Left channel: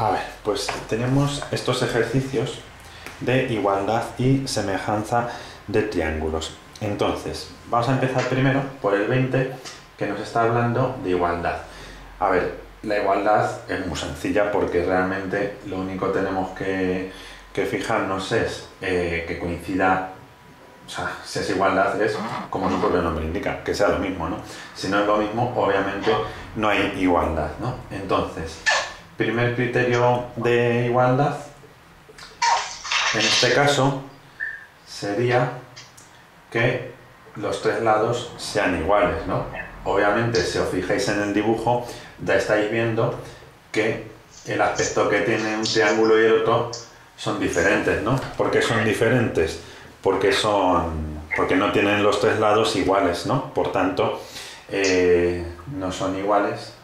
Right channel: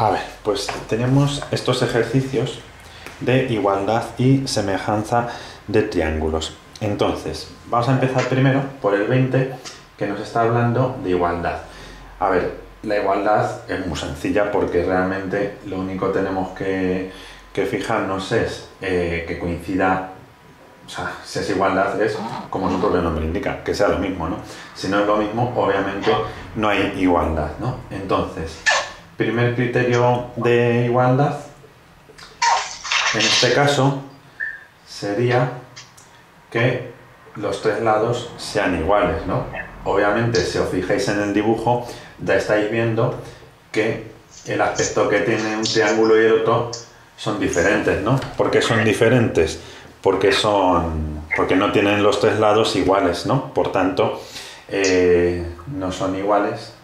A ver, pues tenemos estos ejercicios de igualdad y semejanza de triángulos. Entonces, vamos a empezar primero por el 20, que nos está hablando de igualdad. A ver, la igualdad es muy sencilla porque realmente lo único que tenemos que fijarnos es que coincida. O sea, si es igualdad es como su propio nombre indica, que sea lo mismo, ¿no? Si no es lo mismo, obviamente no hay igualdad, ¿no? Entonces, primer criterio de igualdad, en este caso, sería que los tres lados sean iguales, ¿no? Obviamente, si os fijáis en el dibujo, ya estáis viendo que el aspecto que tiene un triángulo y el otro son diferentes, ¿no? ¿Por qué son diferentes? Porque no tienen los tres lados iguales, ¿no? Por tanto, no son iguales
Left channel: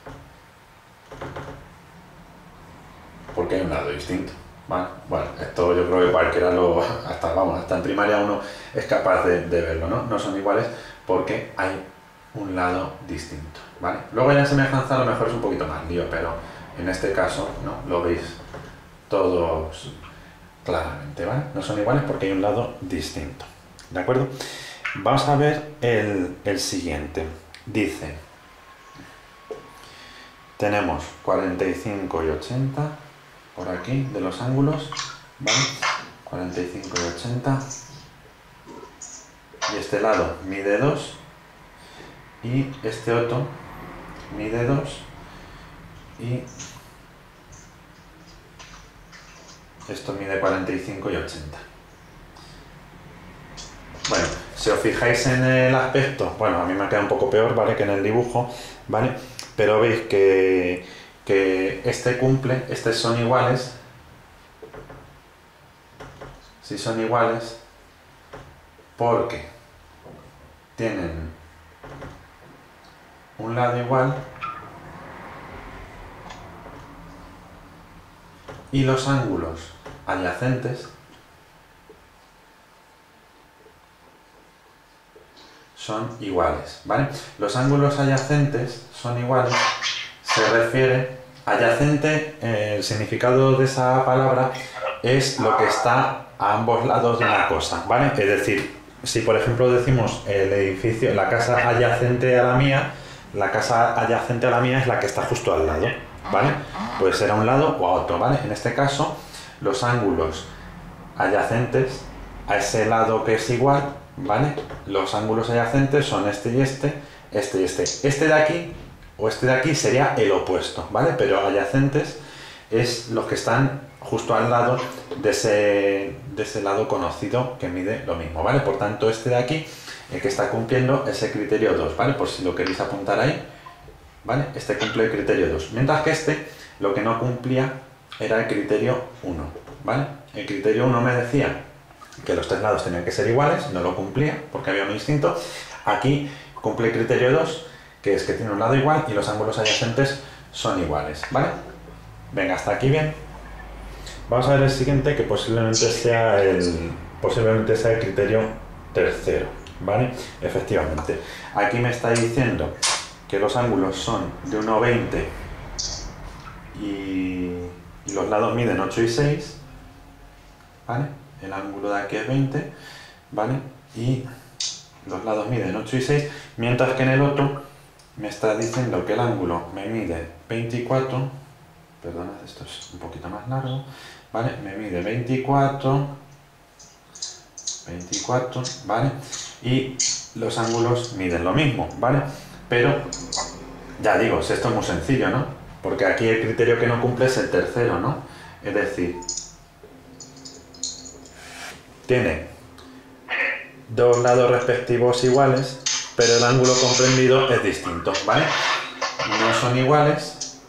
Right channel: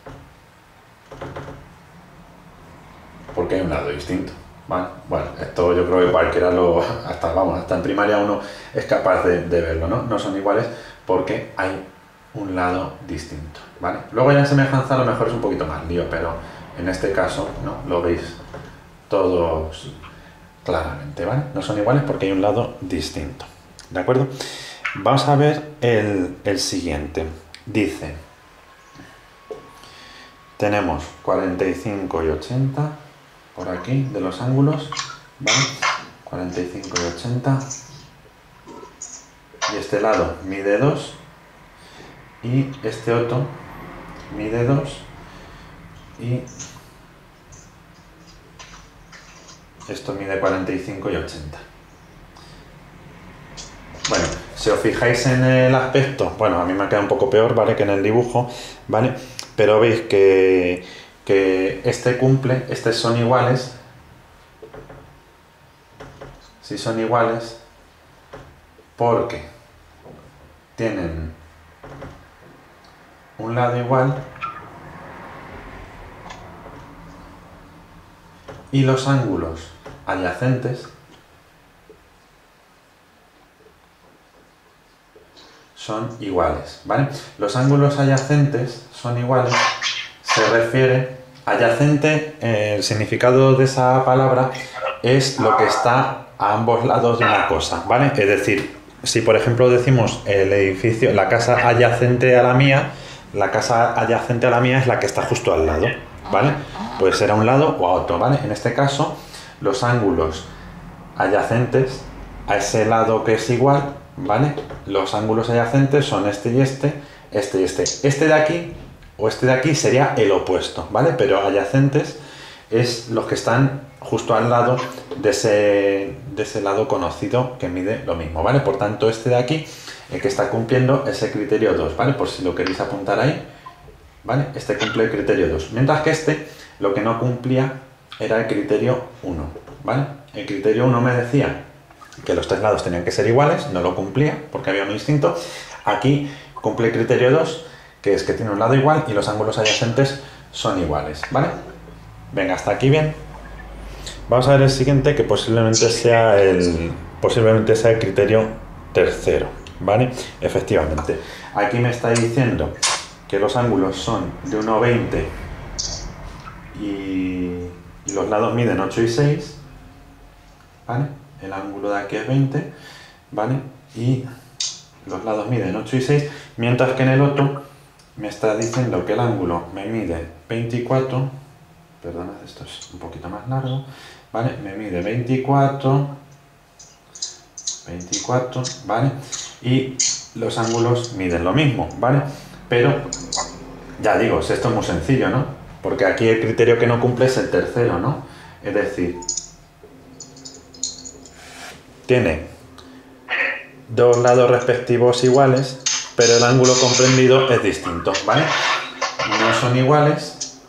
porque hay un lado distinto, ¿vale? Bueno, esto yo creo que cualquiera hasta en primaria uno es capaz de verlo, ¿no? No son iguales porque hay un lado distinto, ¿vale? Luego ya en semejanza a lo mejor es un poquito más lío, pero en este caso, ¿no? Lo veis todos claramente, ¿vale? No son iguales porque hay un lado distinto, ¿de acuerdo? Vamos a ver el siguiente. Dice, tenemos 45 y 80 por aquí de los ángulos, ¿vale? 45 y 80. Y este lado mide 2 y este otro mide 2 y esto mide 45 y 80. Bueno, si os fijáis en el aspecto, bueno, a mí me ha quedado un poco peor, ¿vale? Que en el dibujo, ¿vale? Pero veis que estos son iguales. Si son iguales, porque tienen un lado igual y los ángulos adyacentes son iguales, ¿vale? Los ángulos adyacentes son iguales, se refiere, adyacente, el significado de esa palabra es lo que está a ambos lados de una cosa, ¿vale? Es decir, si por ejemplo decimos el edificio, la casa adyacente a la mía es la que está justo al lado, ¿vale? Puede ser a un lado o a otro, ¿vale? En este caso, los ángulos adyacentes a ese lado que es igual, ¿vale? Los ángulos adyacentes son este y este, este y este. Este de aquí o este de aquí sería el opuesto, ¿vale? Pero adyacentes es los que están justo al lado de ese lado conocido que mide lo mismo, ¿vale? Por tanto, este de aquí, el que está cumpliendo ese criterio 2, ¿vale? Por si lo queréis apuntar ahí, ¿vale? Este cumple el criterio 2. Mientras que este, lo que no cumplía era el criterio 1, ¿vale? El criterio 1 me decía que los tres lados tenían que ser iguales, no lo cumplía porque había uno distinto. Aquí cumple el criterio 2, que es que tiene un lado igual y los ángulos adyacentes son iguales, ¿vale? Venga, hasta aquí bien. Vamos a ver el siguiente, que posiblemente sea el criterio tercero, ¿vale? Efectivamente. Aquí me está diciendo que los ángulos son de 1,20 y los lados miden 8 y 6, ¿vale? El ángulo de aquí es 20, ¿vale? Y los lados miden 8 y 6, mientras que en el otro me está diciendo que el ángulo me mide 24, perdonad, esto es un poquito más largo, ¿vale? Me mide 24, ¿vale? Y los ángulos miden lo mismo, ¿vale? Pero, ya digo, esto es muy sencillo, ¿no? Porque aquí el criterio que no cumple es el tercero, ¿no? Es decir, tiene dos lados respectivos iguales, pero el ángulo comprendido es distinto, ¿vale? No son iguales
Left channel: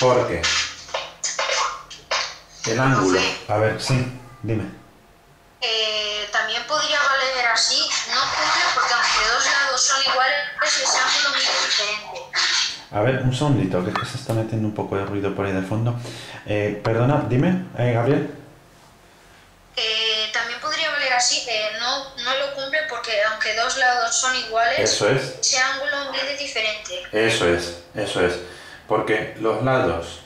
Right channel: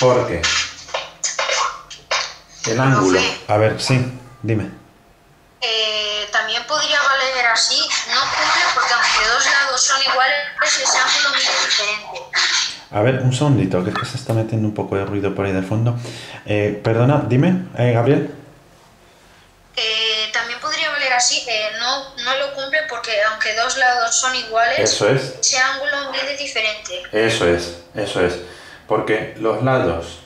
porque el ángulo... A ver, sí, dime. También podría valer así, no cumple porque aunque dos lados son iguales, ese ángulo mide diferente. A ver, un segundito, que es que se está metiendo un poco de ruido por ahí de fondo. Perdona, dime, Gabriel. También podría valer así, no lo cumple cumple porque aunque dos lados son iguales, Eso es. ese ángulo mide diferente. Eso es. Porque los lados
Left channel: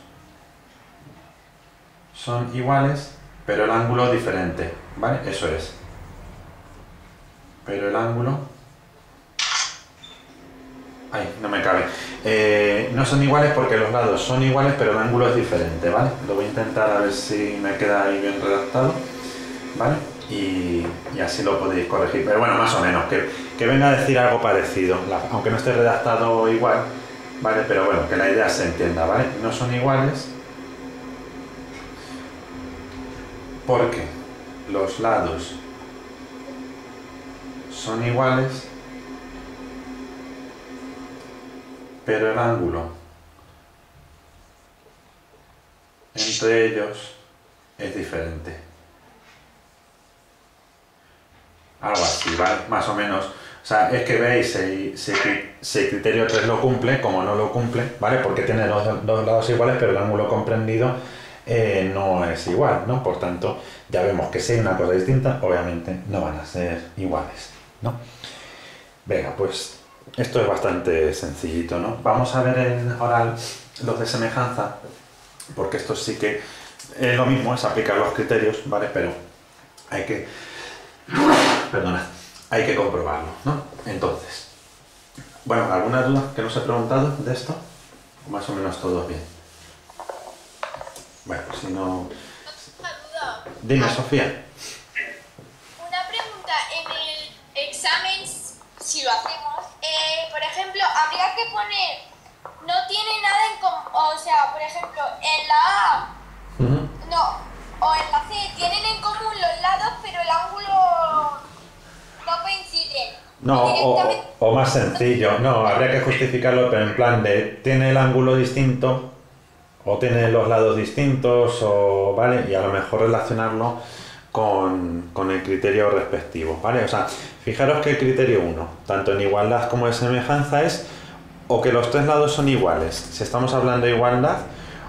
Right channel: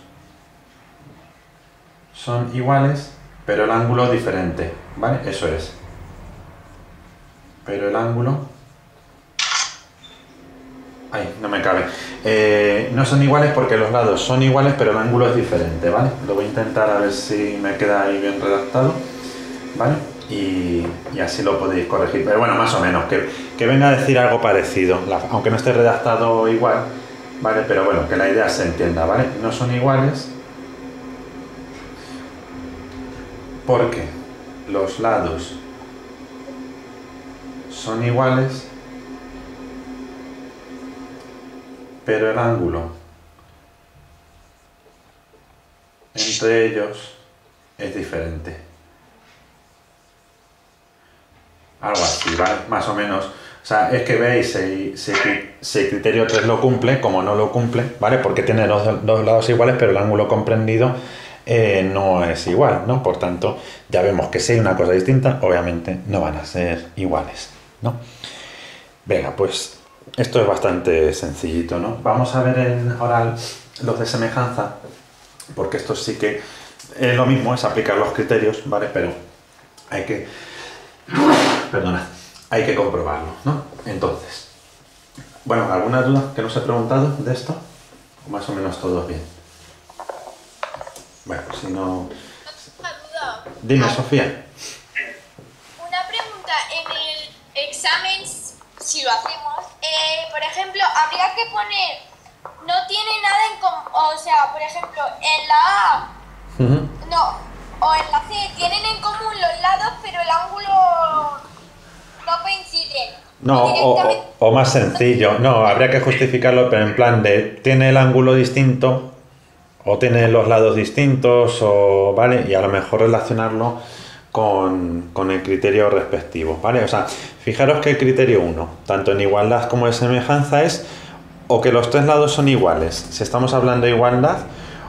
son iguales, pero el ángulo es diferente, ¿vale? Eso es. Pero el ángulo... Ay, no me cabe. No son iguales porque los lados son iguales, pero el ángulo es diferente, ¿vale? Lo voy a intentar a ver si me queda ahí bien redactado, ¿vale? Y así lo podéis corregir. Pero bueno, más o menos, que venga a decir algo parecido, aunque no esté redactado igual, ¿vale? Pero bueno, que la idea se entienda, ¿vale? No son iguales porque los lados son iguales, pero el ángulo entre ellos es diferente. Algo así, ¿vale? Más o menos. O sea, es que veis si el criterio 3 lo cumple, como no lo cumple, ¿vale? Porque tiene los dos lados iguales, pero el ángulo comprendido no es igual, ¿no? Por tanto, ya vemos que si hay una cosa distinta, obviamente no van a ser iguales, ¿no? Venga, pues esto es bastante sencillito, ¿no? Vamos a ver en oral los de semejanza, porque esto sí que es lo mismo, es aplicar los criterios, ¿vale? Pero hay que... Perdona, hay que comprobarlo, ¿no? Entonces, bueno, ¿alguna duda que nos he preguntado de esto? ¿O más o menos todo bien? Bueno, si no... Una duda. Dime, Sofía. Una pregunta, en el examen, si lo hacemos, por ejemplo, habría que poner, no tiene nada en común, o sea, por ejemplo, en la A, no, o en la C, tienen en común los lados, pero el ángulo no coincide. No, o más sencillo, no, habría que justificarlo, pero en plan de, tiene el ángulo distinto, o tiene los lados distintos, o, ¿vale? Y a lo mejor relacionarlo con el criterio respectivo, ¿vale? O sea, fijaros que el criterio 1, tanto en igualdad como en semejanza, es o que los tres lados son iguales, si estamos hablando de igualdad,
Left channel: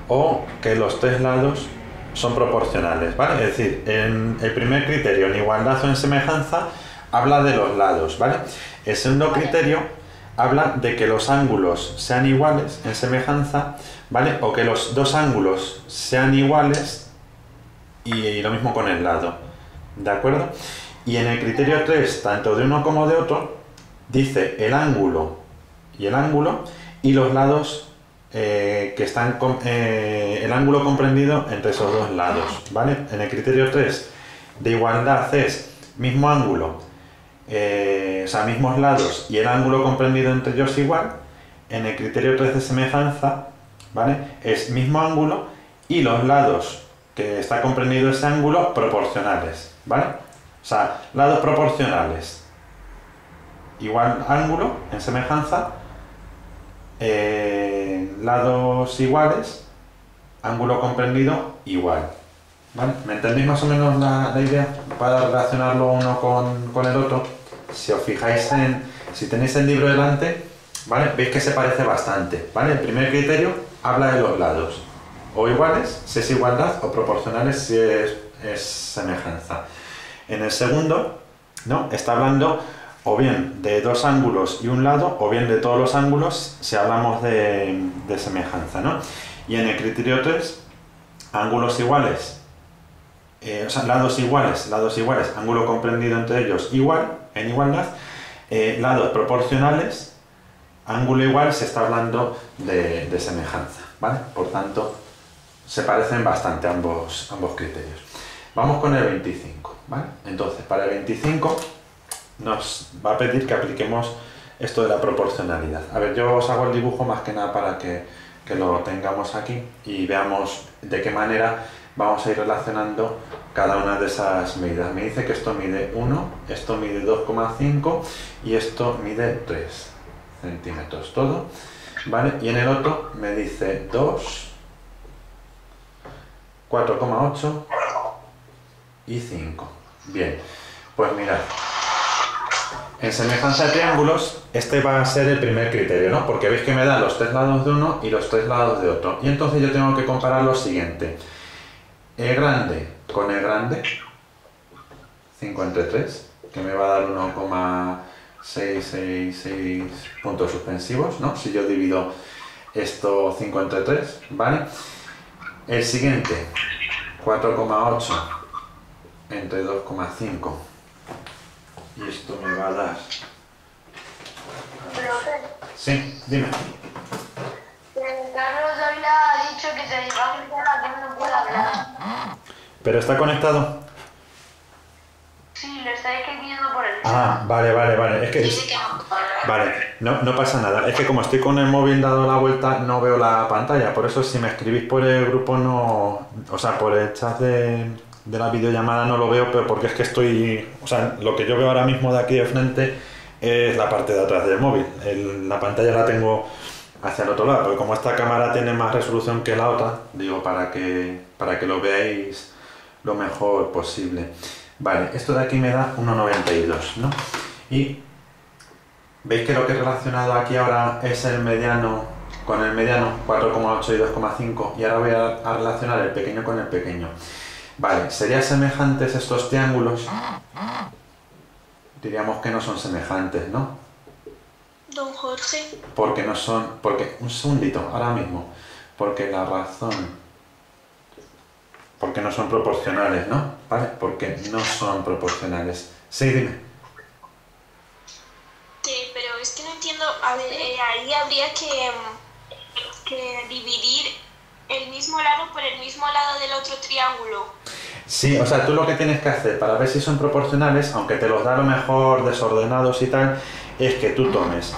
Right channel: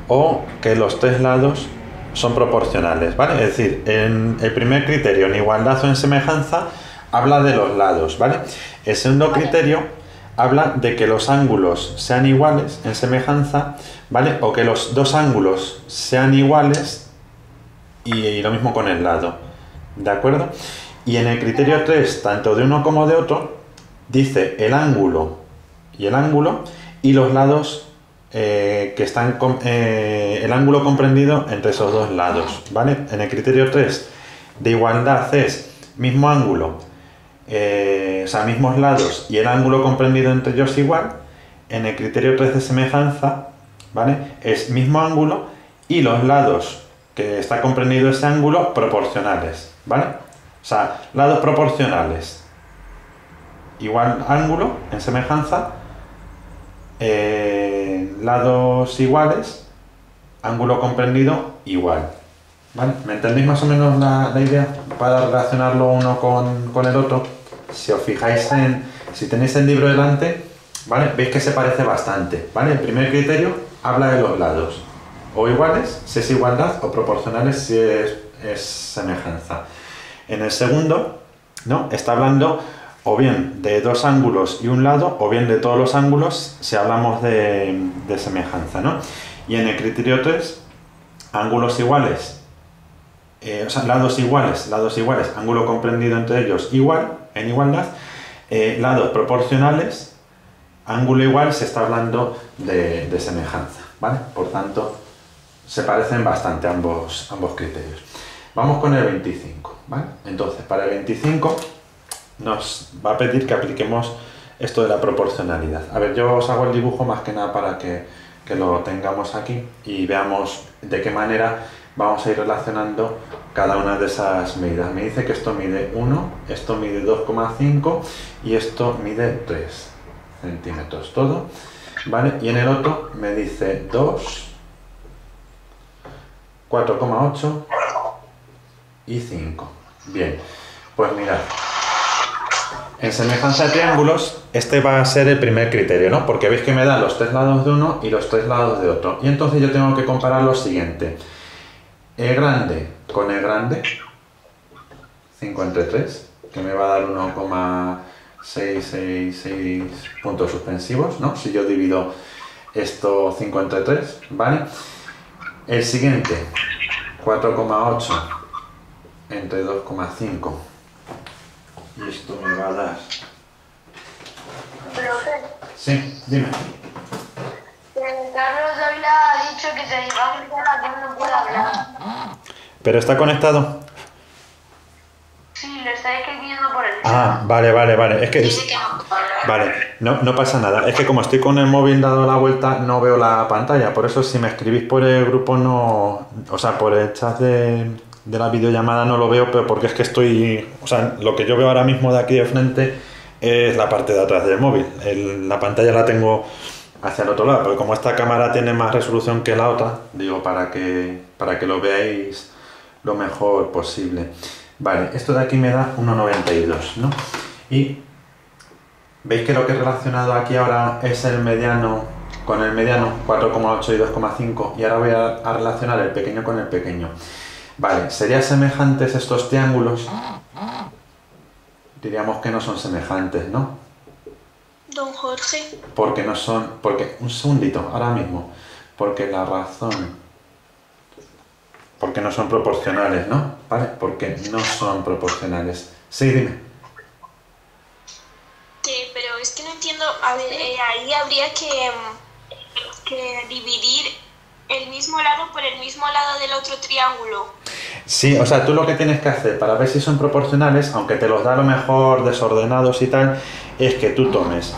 o que los tres lados son proporcionales, ¿vale? Es decir, en el primer criterio, en igualdad o en semejanza, habla de los lados, ¿vale? El segundo criterio habla de que los ángulos sean iguales en semejanza, ¿vale? O que los dos ángulos sean iguales y lo mismo con el lado, ¿de acuerdo? Y en el criterio 3, tanto de uno como de otro, dice el ángulo y los lados que están el ángulo comprendido entre esos dos lados, ¿vale? En el criterio 3 de igualdad es mismo ángulo, o sea, mismos lados y el ángulo comprendido entre ellos igual. En el criterio 3 de semejanza, ¿vale? Es mismo ángulo y los lados que está comprendido ese ángulo proporcionales, ¿vale? O sea, lados proporcionales igual ángulo en semejanza, lados iguales, ángulo comprendido igual, ¿vale? ¿Me entendéis más o menos la idea para relacionarlo uno con el otro? Si os fijáis si tenéis el libro delante, ¿vale? Veis que se parece bastante, ¿vale? El primer criterio habla de los lados, o iguales si es igualdad, o proporcionales si es semejanza. En el segundo, ¿no? Está hablando o bien de dos ángulos y un lado, o bien de todos los ángulos si hablamos de semejanza, ¿no? Y en el criterio 3, ángulos iguales, o sea, lados iguales, ángulo comprendido entre ellos igual, en igualdad, lados proporcionales, ángulo igual, se está hablando de semejanza, ¿vale? Por tanto, se parecen bastante ambos criterios. Vamos con el 25, ¿vale? Entonces, para el 25 nos va a pedir que apliquemos esto de la proporcionalidad. A ver, yo os hago el dibujo más que nada para que lo tengamos aquí y veamos de qué manera vamos a ir relacionando cada una de esas medidas. Me dice que esto mide 1, esto mide 2,5 y esto mide 3 centímetros todo, ¿vale? Y en el otro me dice 2, 4,8 y 5. Bien, pues mirad. En semejanza de triángulos, este va a ser el primer criterio, ¿no? Porque veis que me da los tres lados de uno y los tres lados de otro. Y entonces yo tengo que comparar lo siguiente. El grande con el grande, 5 entre 3, que me va a dar 1,666 puntos suspensivos, ¿no? Si yo divido esto 5 entre 3, ¿vale? El siguiente, 4,8 entre 2,5. Y esto me va a dar... Profe, Sí, dime. Carlos Dávila ha dicho que se va a quitar a que no pueda hablar. ¿Pero está conectado? Sí, lo está escribiendo por el chat. Ah, vale. Es que... Dice que no puede hablar. Vale, no pasa nada. Es que como estoy con el móvil dado la vuelta, no veo la pantalla. Por eso si me escribís por el grupo no... O sea, por el chat de la videollamada no lo veo, pero porque es que estoy... O sea, lo que yo veo ahora mismo de aquí de frente es la parte de atrás del móvil. La pantalla la tengo hacia el otro lado, pero como esta cámara tiene más resolución que la otra, digo, para que lo veáis lo mejor posible. Vale, esto de aquí me da 1,92, ¿no? Y veis que lo que he relacionado aquí ahora es el mediano con el mediano, 4,8 y 2,5, y ahora voy a relacionar el pequeño con el pequeño. Vale, ¿serían semejantes estos triángulos? Diríamos que no son semejantes, ¿no? Don Jorge. Porque no son... Porque, un segundito, ahora mismo. Porque la razón... Porque no son proporcionales, ¿no? ¿Vale? Porque no son proporcionales. Sí, dime. Pero es que no entiendo. A ver, ahí habría que dividir el mismo lado por el mismo lado del otro triángulo. Sí, o sea, tú lo que tienes que hacer para ver si son proporcionales, aunque te los da a lo mejor desordenados y tal, es que tú tomes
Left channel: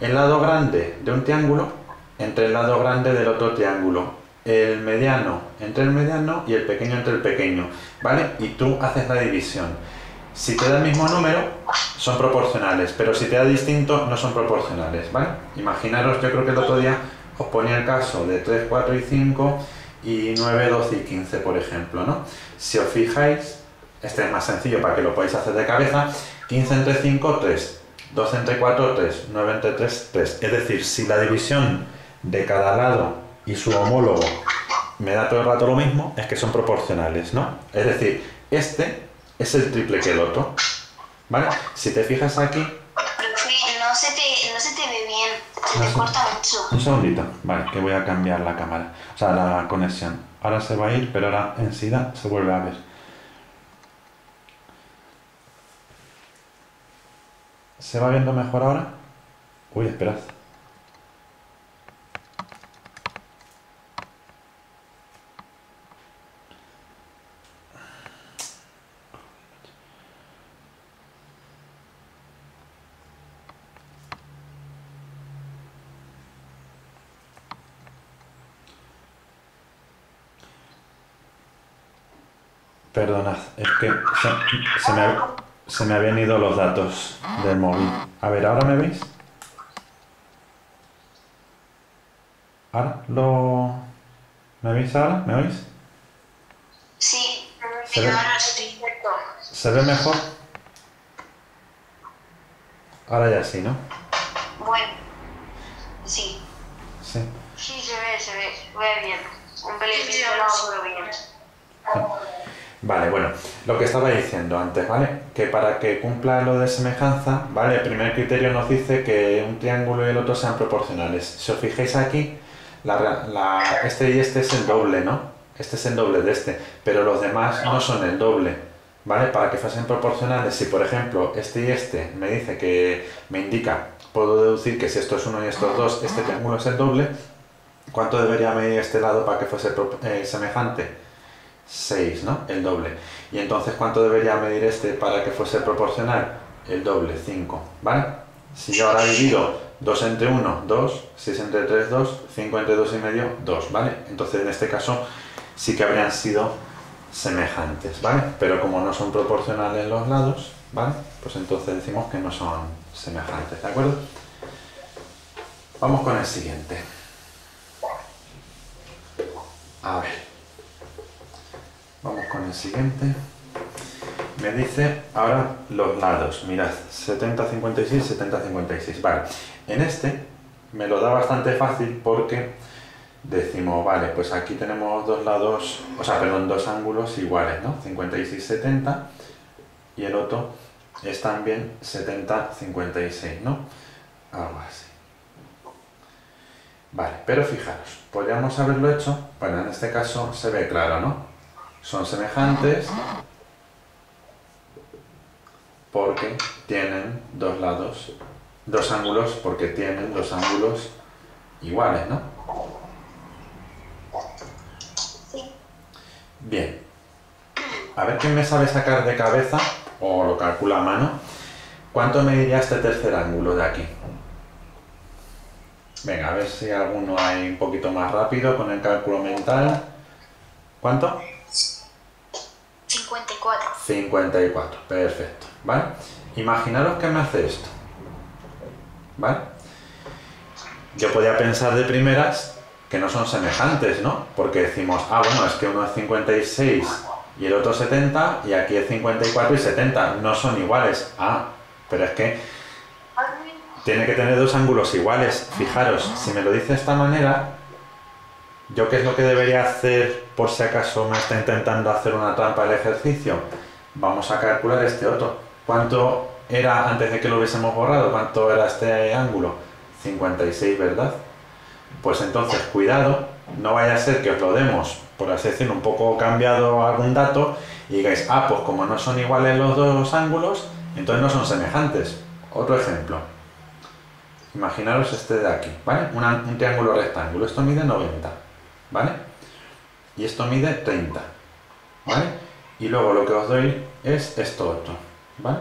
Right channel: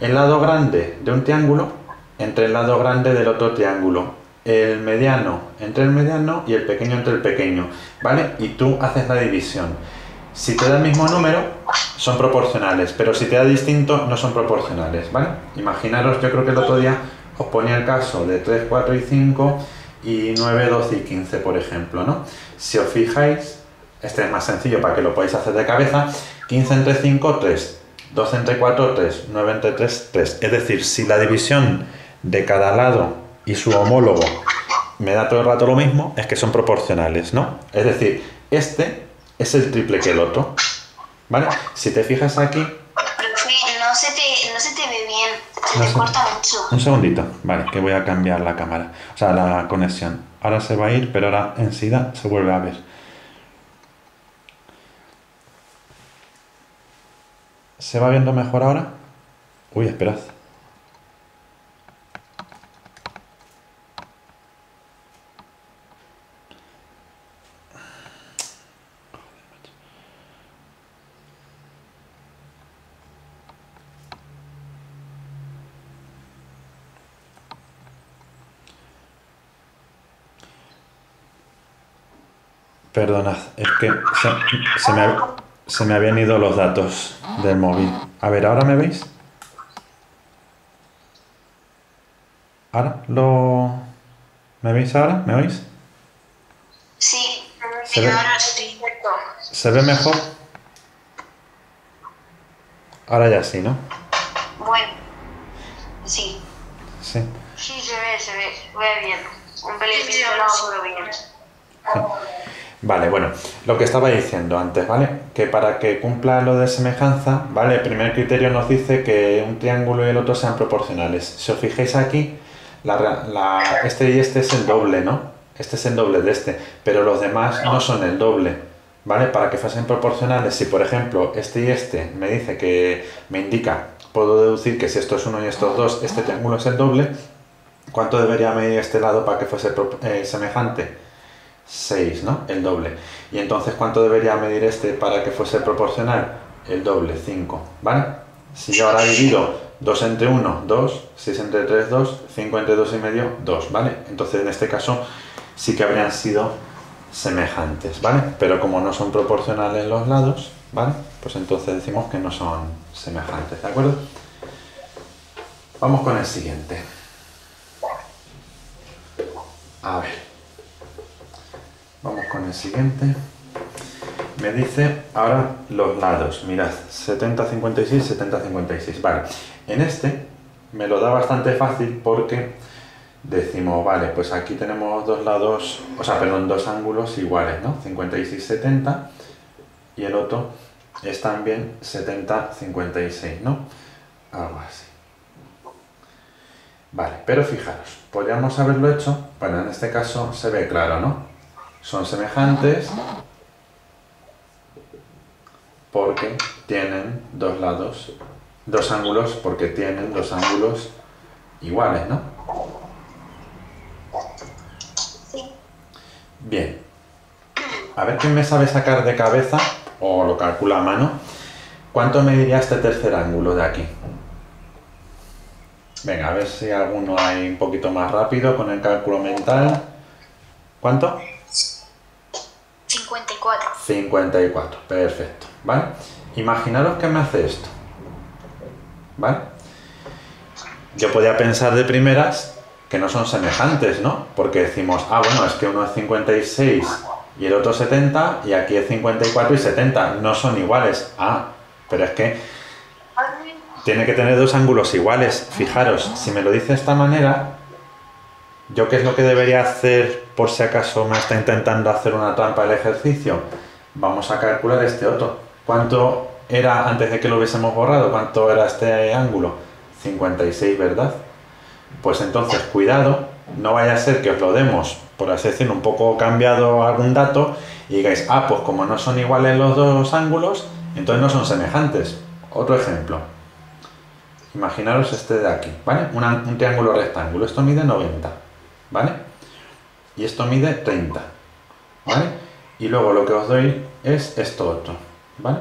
el lado grande de un triángulo entre el lado grande del otro triángulo, el mediano entre el mediano y el pequeño entre el pequeño, ¿vale? Y tú haces la división. Si te da el mismo número, son proporcionales, pero si te da distinto, no son proporcionales, ¿vale? Imaginaros, yo creo que el otro día os ponía el caso de 3, 4 y 5 y 9, 12 y 15, por ejemplo, ¿no? Si os fijáis, este es más sencillo para que lo podáis hacer de cabeza, 15 entre 5, 3, 12 entre 4, 3, 9 entre 3, 3. Es decir, si la división de cada lado y su homólogo me da todo el rato lo mismo, es que son proporcionales, ¿no? Es decir, este es el triple que el otro, ¿vale? Si te fijas aquí... Profe, no se te ve bien, se No te sé. corta mucho. Un segundito, vale, que voy a cambiar la cámara, o sea, la conexión. Ahora se va a ir, pero ahora enseguida se vuelve a ver. ¿Se va viendo mejor ahora? Uy, esperad. Perdonad, es que se me habían ido los datos del móvil. A ver, ¿ahora me veis? ¿Ahora? ¿Me veis ahora? ¿Me oís? Sí, ¿Se pero ve? ahora sí. ¿Se ve mejor? Ahora ya sí, ¿no? Bueno, sí. Sí. Sí, se ve bien. Un pelín pixelado, pero bien. Vale, bueno, lo que estaba diciendo antes, ¿vale? Que para que cumpla lo de semejanza, ¿vale? El primer criterio nos dice que un triángulo y el otro sean proporcionales. Si os fijáis aquí, este y este es el doble, ¿no? Este es el doble de este, pero los demás no son el doble, ¿vale? Para que fuesen proporcionales, si por ejemplo este y este me dice que me indica, puedo deducir que si esto es 1 y esto es 2, este triángulo es el doble, ¿cuánto debería medir este lado para que fuese semejante? 6, ¿no? El doble. Y entonces, ¿cuánto debería medir este para que fuese proporcional? El doble, 5, ¿vale? Si yo ahora divido 2 entre 1, 2, 6 entre 3, 2, 5 entre 2 y medio, 2, ¿vale? Entonces, en este caso, sí que habrían sido semejantes, ¿vale? Pero como no son proporcionales los lados, ¿vale? Pues entonces decimos que no son semejantes, ¿de acuerdo? Vamos con el siguiente. A ver. Vamos con el siguiente. Me dice ahora los lados. Mirad, 70, 56, 70, 56. Vale, en este me lo da bastante fácil porque decimos, vale, pues aquí tenemos dos lados, o sea, perdón, dos ángulos iguales, ¿no? 56, 70 y el otro es también 70-56, ¿no? Algo así. Vale, pero fijaros, podríamos haberlo hecho, bueno, en este caso se ve claro, ¿no? Son semejantes porque tienen dos lados, dos ángulos, porque tienen dos ángulos iguales, ¿no? Sí. Bien. A ver quién me sabe sacar de cabeza, o lo calcula a mano, ¿cuánto mediría este tercer ángulo de aquí? Venga, a ver si alguno hay un poquito más rápido con el cálculo mental. ¿Cuánto? 54. 54, perfecto, ¿vale? Imaginaros que me hace esto, ¿vale? Yo podía pensar de primeras que no son semejantes, ¿no? Porque decimos, ah, bueno, es que uno es 56 y el otro 70, y aquí es 54 y 70, no son iguales. Ah, pero es que tiene que tener dos ángulos iguales. Fijaros, si me lo dice de esta manera, ¿yo qué es lo que debería hacer por si acaso me está intentando hacer una trampa el ejercicio? Vamos a calcular este otro. ¿Cuánto era antes de que lo hubiésemos borrado? ¿Cuánto era este ángulo? 56, ¿verdad? Pues entonces, cuidado, no vaya a ser que os lo demos, por así decirlo, un poco cambiado algún dato y digáis, ah, pues como no son iguales los dos ángulos, entonces no son semejantes. Otro ejemplo. Imaginaros este de aquí, ¿vale? Un triángulo rectángulo. Esto mide 90, ¿vale? Y esto mide 30, ¿vale? Y luego lo que os doy es esto otro, ¿vale?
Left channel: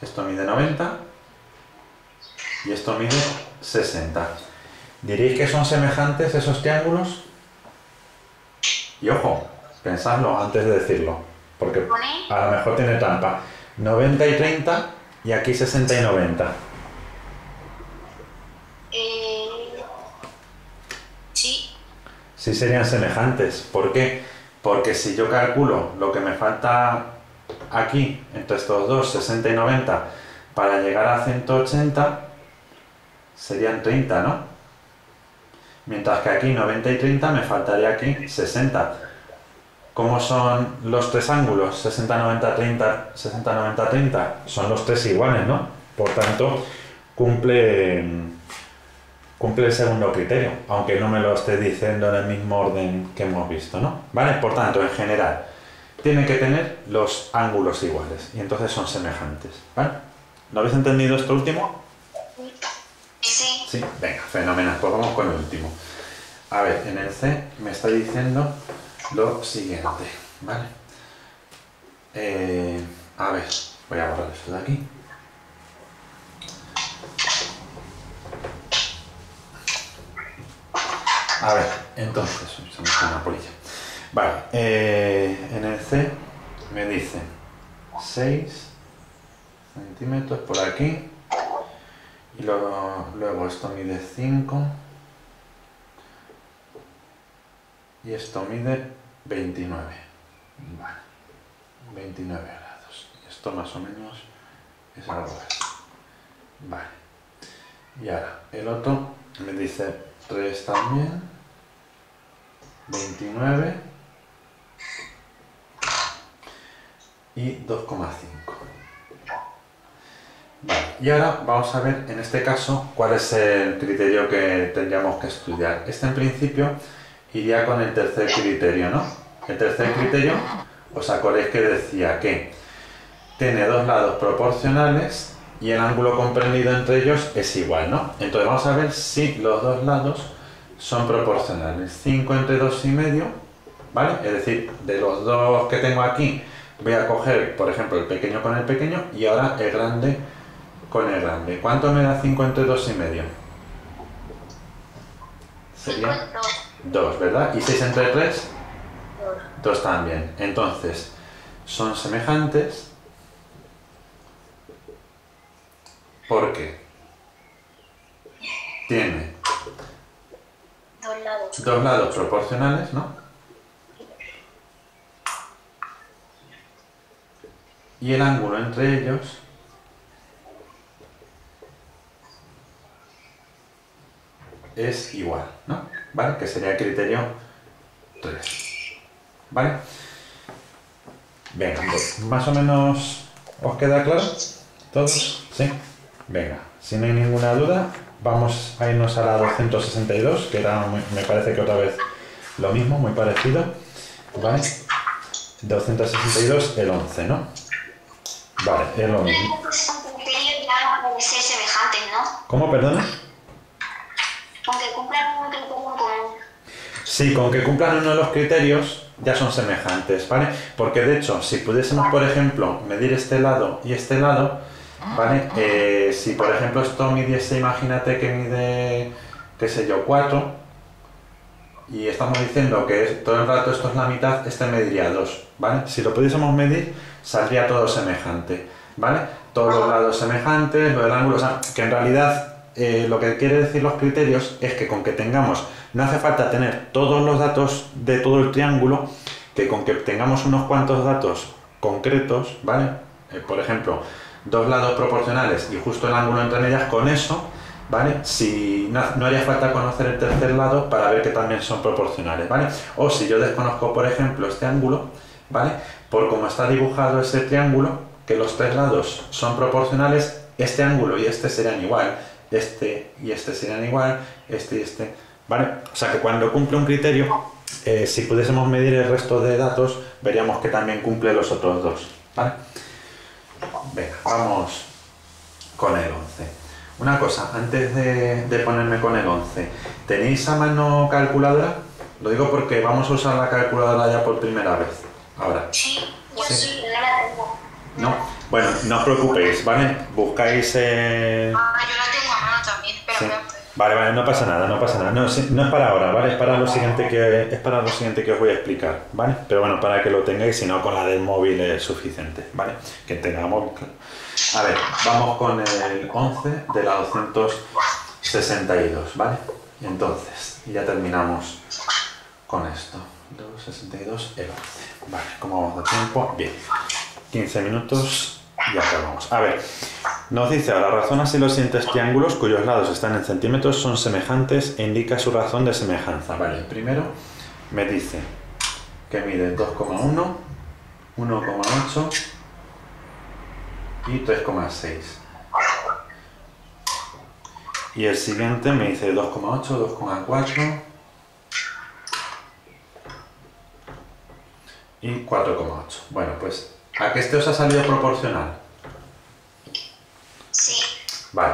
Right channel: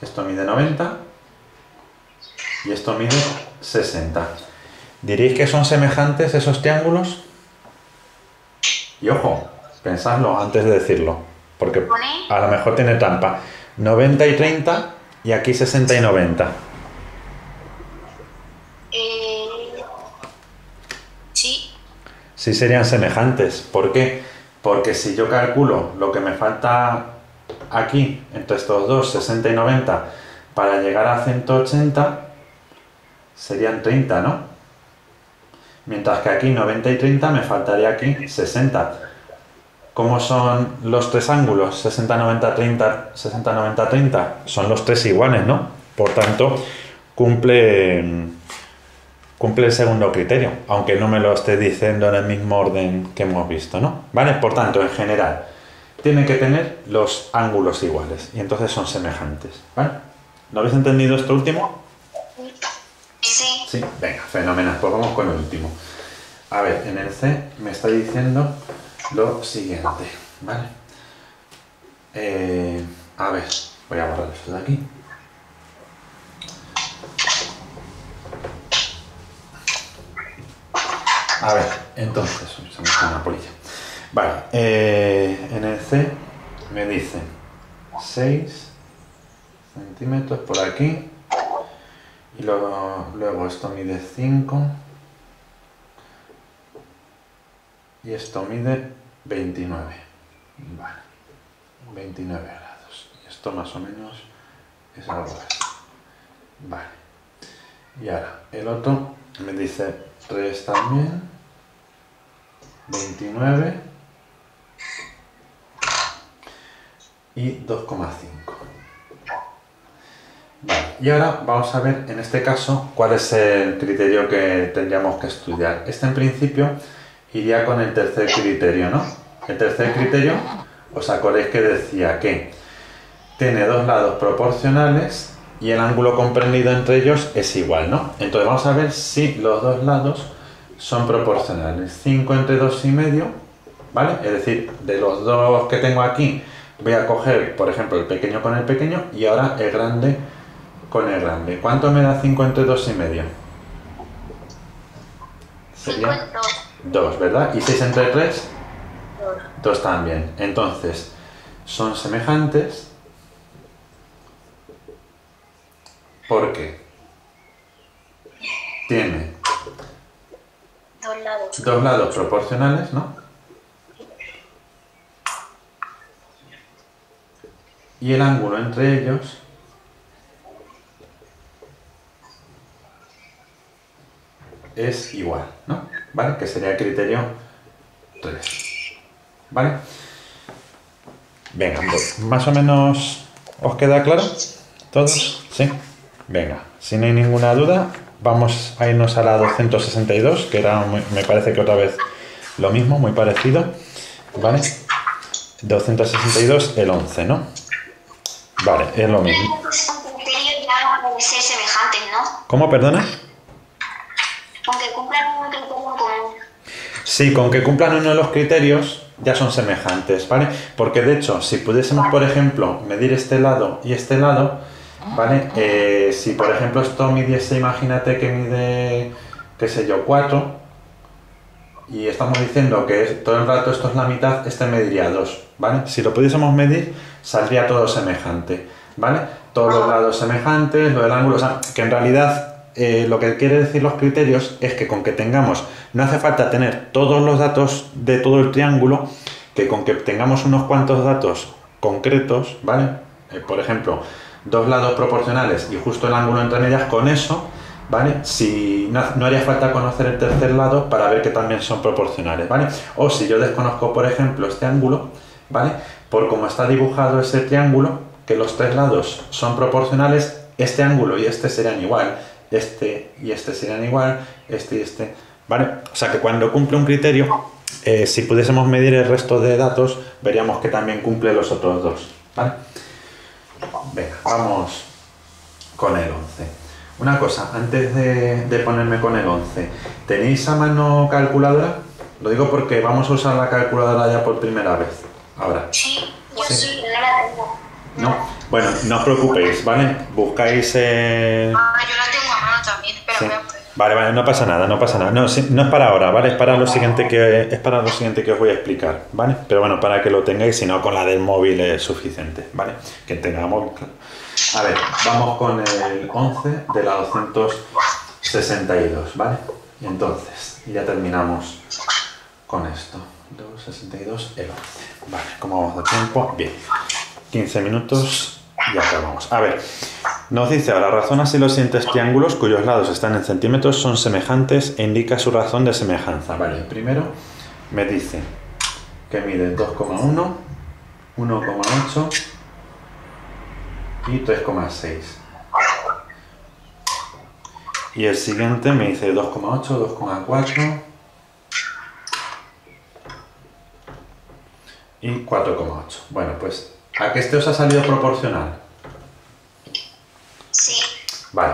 Esto mide 90 y esto mide 60. ¿Diréis que son semejantes esos triángulos? Y ojo, pensadlo antes de decirlo, porque a lo mejor tiene trampa. 90 y 30 y aquí 60 y 90. Sí. Sí serían semejantes. ¿Por qué? Porque si yo calculo lo que me falta aquí, entre estos dos, 60 y 90, para llegar a 180, serían 30, ¿no? Mientras que aquí 90 y 30 me faltaría aquí 60. ¿Cómo son los tres ángulos? 60, 90, 30, 60, 90, 30. Son los tres iguales, ¿no? Por tanto, cumple el segundo criterio, aunque no me lo esté diciendo en el mismo orden que hemos visto, ¿no? ¿Vale? Por tanto, en general, tienen que tener los ángulos iguales y entonces son semejantes, ¿vale? ¿Lo habéis entendido esto último? Sí. Sí, venga, fenomenal, pues vamos con el último. A ver, en el C me está diciendo lo siguiente, ¿vale? A ver, voy a borrar esto de aquí. A ver, entonces, se me está una polilla. Vale, en el C me dice 6 centímetros por aquí. Y luego esto mide 5 y esto mide 29, vale, 29 grados, y esto más o menos es algo así, vale. Y ahora el otro me dice 3 también, 29 y 2,5. Vale, y ahora vamos a ver en este caso cuál es el criterio que tendríamos que estudiar. Este en principio iría con el tercer criterio, ¿no? El tercer criterio, os acordáis que decía que tiene dos lados proporcionales y el ángulo comprendido entre ellos es igual, ¿no? Entonces vamos a ver si los dos lados son proporcionales. 5 entre 2,5, ¿vale? Es decir, de los dos que tengo aquí voy a coger, por ejemplo, el pequeño con el pequeño y ahora el grande con el grande. ¿Cuánto me da 5 entre 2,5? Sería 2, ¿verdad? ¿Y 6 entre 3? 2 también. Entonces, son semejantes porque tiene dos lados proporcionales, ¿no? Y el ángulo entre ellos es igual, ¿no? ¿Vale? Que sería el criterio 3. ¿Vale? Venga, más o menos os queda claro, ¿todos? ¿Sí? Venga, si no hay ninguna duda, vamos a irnos a la 262, que era, me parece que otra vez lo mismo, muy parecido, ¿vale? 262, el 11, ¿no? Vale, es lo mismo. Ser semejantes, ¿no? ¿Cómo, perdona? Con que cumplan un criterio en común. Sí, con que cumplan uno de los criterios ya son semejantes, ¿vale? Porque de hecho, si pudiésemos, por ejemplo, medir este lado y este lado, ¿vale? Si por ejemplo esto midiese, imagínate que mide, qué sé yo, 4, y estamos diciendo que todo el rato esto es la mitad, este mediría 2, ¿vale? Si lo pudiésemos medir, saldría todo semejante, ¿vale? Todos los lados semejantes, lo del ángulo, o sea, que en realidad lo que quiere decir los criterios es que con que tengamos, no hace falta tener todos los datos de todo el triángulo, que con que tengamos unos cuantos datos concretos, ¿vale? Por ejemplo, dos lados proporcionales y justo el ángulo entre medias, con eso, ¿vale? Si no haría falta conocer el tercer lado para ver que también son proporcionales, ¿vale? O si yo desconozco, por ejemplo, este ángulo, ¿vale? Por cómo está dibujado ese triángulo, que los tres lados son proporcionales, este ángulo y este serían igual, este y este serían igual, este y este, ¿vale? O sea que cuando cumple un criterio, si pudiésemos medir el resto de datos, veríamos que también cumple los otros dos, ¿vale? Venga, vamos con el 11. Una cosa, antes de ponerme con el 11, ¿tenéis a mano calculadora? Lo digo porque vamos a usar la calculadora ya por primera vez. Ahora. Sí, yo sí, no la tengo. ¿No? Bueno, no os preocupéis, ¿vale? Buscáis... Yo la tengo a mano también, pero Sí. voy a... Vale, no pasa nada, no pasa nada. No, no es para ahora, ¿vale? Es para lo siguiente que os voy a explicar, ¿vale? Pero bueno, para que lo tengáis, si no con la del móvil es suficiente, ¿vale? Que tenga móvil, claro. A ver, vamos con el 11 de la 262, ¿vale? Y entonces, ya terminamos con esto. 262, el 11. Vale, ¿cómo vamos de tiempo? Bien. 15 minutos y acabamos. A ver, nos dice ahora, razona si los siguientes triángulos cuyos lados están en centímetros son semejantes e indica su razón de semejanza. Vale, el primero me dice que mide 2,1, 1,8 y 3,6. Y el siguiente me dice 2,8, 2,4 y 4,8. Bueno, pues ¿a que este os ha salido proporcional? Sí. Vale,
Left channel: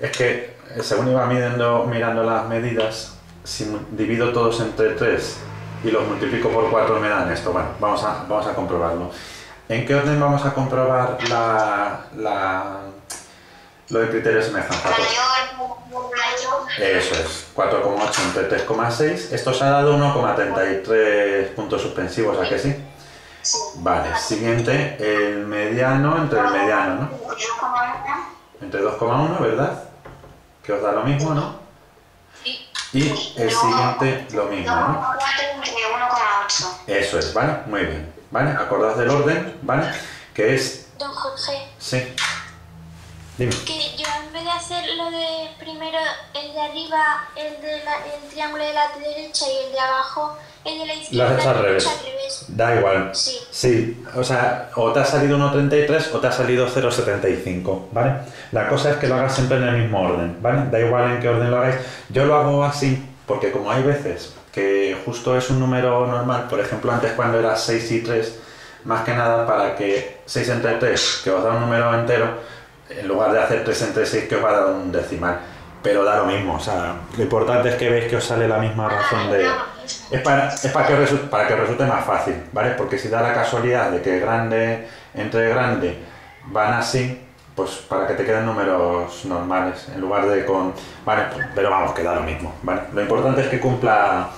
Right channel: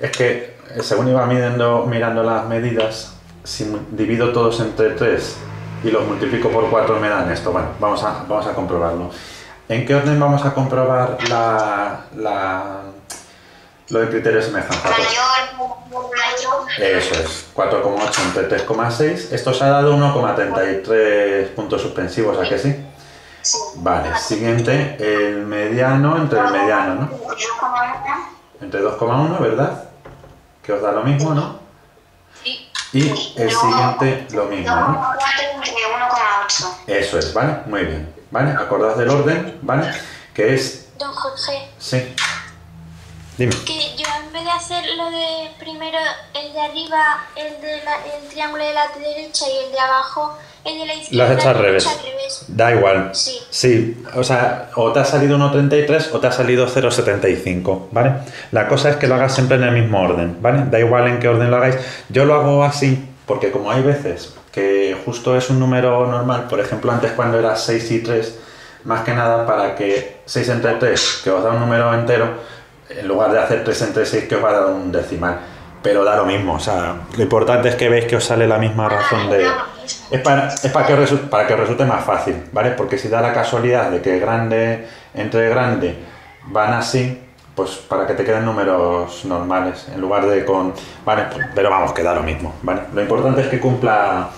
es que según iba mirando las medidas, si divido todos entre 3 y los multiplico por 4 me dan esto. Bueno, vamos a comprobarlo. ¿En qué orden vamos a comprobar lo del criterio de semejanza? Mayor. Eso es, 4,8 entre 3,6. Esto os ha dado 1,33 puntos suspensivos, ¿a que sí? Sí. Vale, siguiente, el mediano entre el mediano, ¿no? Entre 2,1, ¿verdad? Que os da lo mismo, ¿no? Sí. Y el siguiente lo mismo, ¿no? 2,4 entre 1,8. Eso es, ¿vale? Muy bien, ¿vale? Acordaos del orden, ¿vale? Que es... Don Jorge, Sí. Dime. que yo en vez de hacer lo de primero el de arriba, el triángulo de la derecha y el de abajo, el de la Lo izquierda, has hecho al lo he revés. hecho al revés. Da igual. Sí. Sí, o sea, o te ha salido 1,33 o te ha salido 0,75, ¿vale? La cosa es que lo hagas siempre en el mismo orden, ¿vale? Da igual en qué orden lo hagáis. Yo lo hago así porque como hay veces que justo es un número normal, por ejemplo, antes cuando era 6 y 3, más que nada para que 6 entre 3, que os da un número entero, en lugar de hacer 3 entre 6 que os va a dar un decimal. Pero da lo mismo, o sea, lo importante es que veis que os sale la misma razón de... Es para que os resulte más fácil, ¿vale? Porque si da la casualidad de que grande entre grande van así, pues para que te queden números normales, en lugar de con... Vale, pero vamos, que da lo mismo, ¿vale? Lo importante es que cumpla,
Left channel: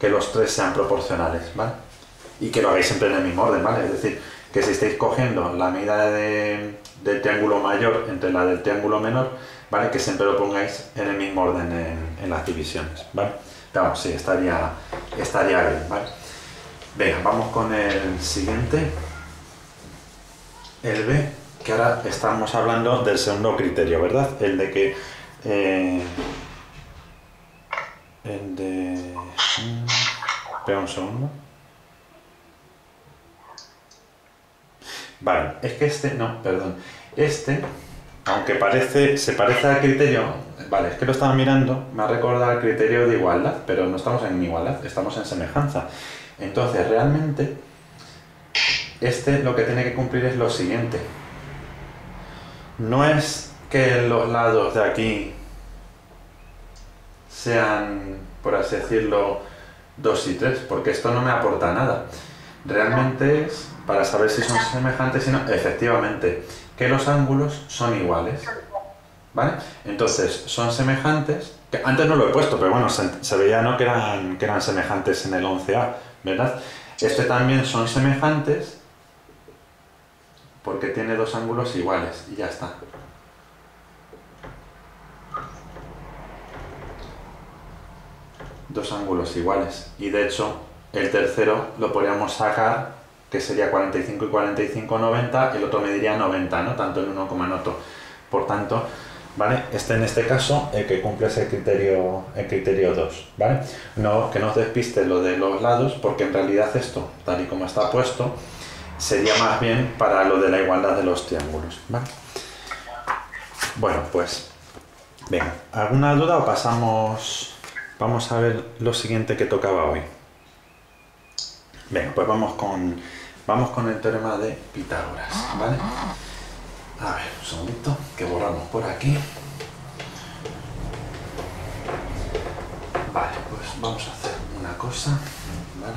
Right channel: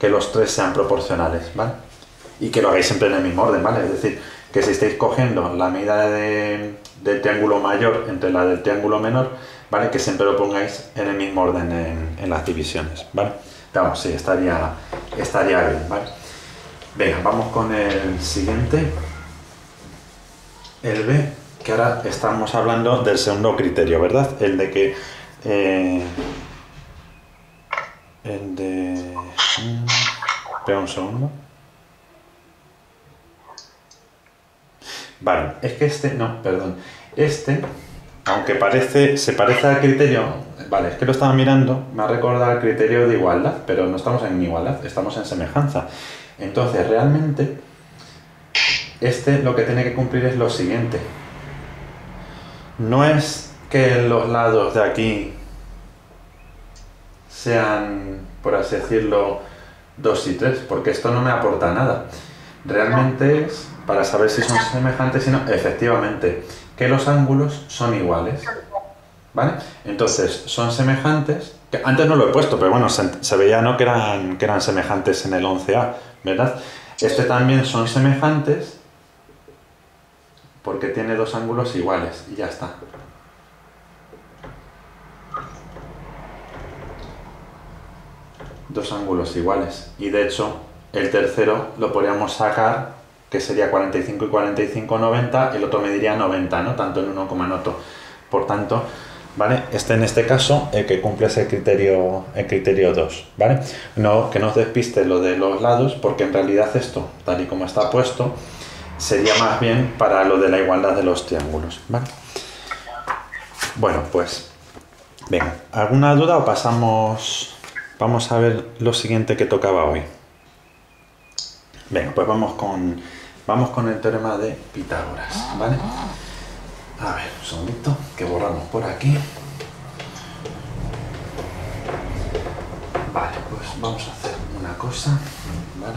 que los tres sean proporcionales, ¿vale? Y que lo hagáis siempre en el mismo orden, ¿vale? Es decir, que si estáis cogiendo la medida del triángulo mayor entre la del triángulo menor, ¿vale? Que siempre lo pongáis en el mismo orden en las divisiones, ¿vale? Vamos, sí, estaría bien, ¿vale? Venga, vamos con el siguiente, el B, que ahora estamos hablando del segundo criterio, ¿verdad? El de que... el de... Espera un segundo. Vale, es que este, no, perdón. Este, aunque se parece al criterio, vale, es que lo estaba mirando, me ha recordado el criterio de igualdad, pero no estamos en igualdad, estamos en semejanza. Entonces, realmente, este lo que tiene que cumplir es lo siguiente. No es que los lados de aquí sean, por así decirlo, 2 y 3, porque esto no me aporta nada. Realmente es para saber si son semejantes y no, efectivamente, que los ángulos son iguales, ¿vale? Entonces, son semejantes, que antes no lo he puesto, pero bueno, se veía, ¿no?, que eran semejantes en el 11A, ¿verdad? Este también son semejantes porque tiene 2 ángulos iguales y ya está. Dos ángulos iguales, y de hecho el tercero lo podríamos sacar, que sería 45 y 45, 90, el otro mediría 90, ¿no? Tanto el uno como el otro. Por tanto, ¿vale? En este caso, el que cumple es el criterio 2, ¿vale? No, que no os despiste lo de los lados, porque en realidad esto, tal y como está puesto, sería más bien para lo de la igualdad de los triángulos, ¿vale? Bueno, pues, venga, ¿alguna duda o pasamos? Vamos a ver lo siguiente que tocaba hoy. Venga, pues vamos con el teorema de Pitágoras, ¿vale? A ver, un segundito, que borramos por aquí. Vale, pues vamos a hacer una cosa, ¿vale?